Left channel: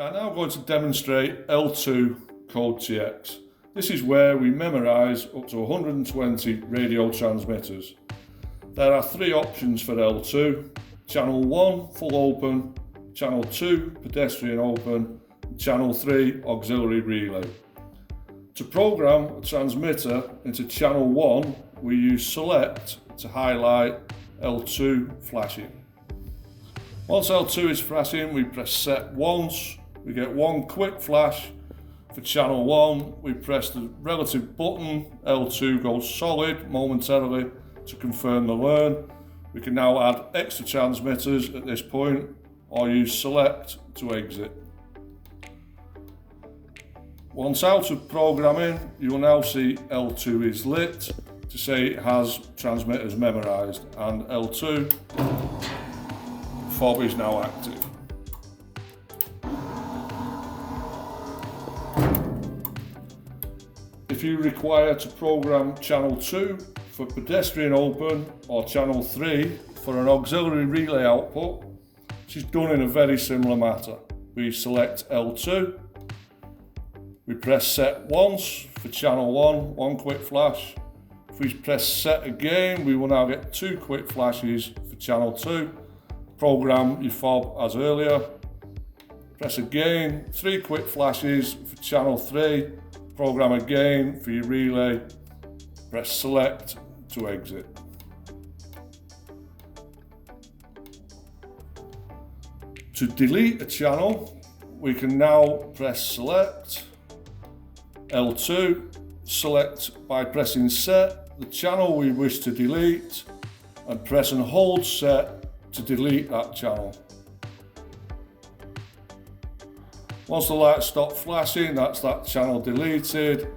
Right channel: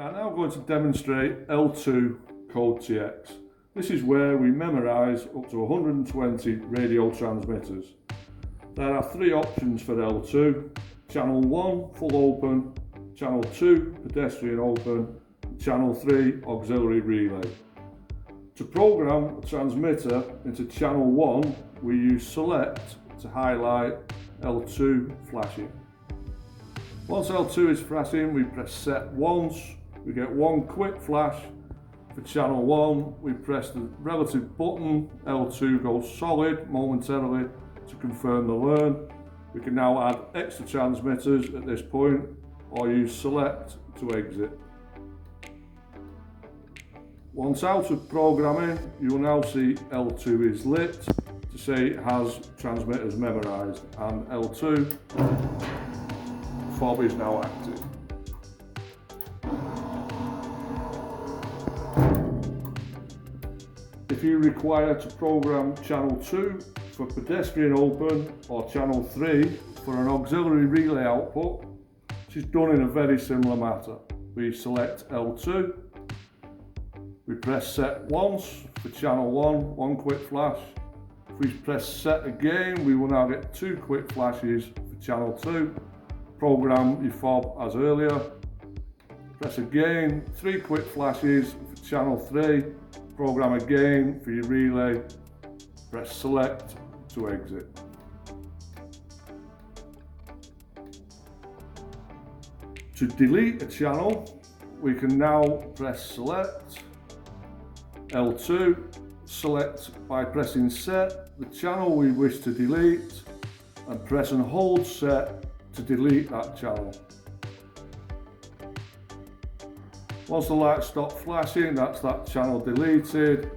We are now going to demonstrate L2 Code TX. This is where we memorise up to 120 radio transmitters. There are three options for L2: Channel 1 full open, Channel 2 pedestrian open, and Channel 3 auxiliary relay. To program a transmitter into Channel 1, we use Select to highlight L2 flashing. Once L2 is flashing, we press Set once. We get one quick flash. For Channel 1, we press the relative button. L2 goes solid momentarily to confirm the learn. We can now add extra transmitters at this point or use Select to exit. Once out of programming, you will now see L2 is lit to say it has transmitters memorised, and L2 fob is now active. If you require to program Channel 2 for pedestrian open or Channel 3 for an auxiliary relay output, which is done in a very similar manner. We select L2, we press Set once for Channel 1, one quick flash. If we press Set again, we will now get two quick flashes for Channel 2. Program your fob as earlier. Press again, three quick flashes for Channel 3. Program again for your relay. Press Select to exit. To delete a channel, we can now press Select, L2, select by pressing Set the channel we wish to delete, and press and hold Set to delete that channel. Once the lights stop flashing, that's that channel deleted,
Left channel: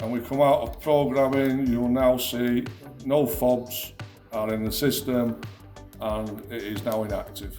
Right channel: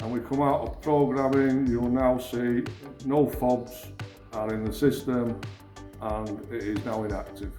and we come out of programming. You'll now see no fobs are in the system and it is now inactive.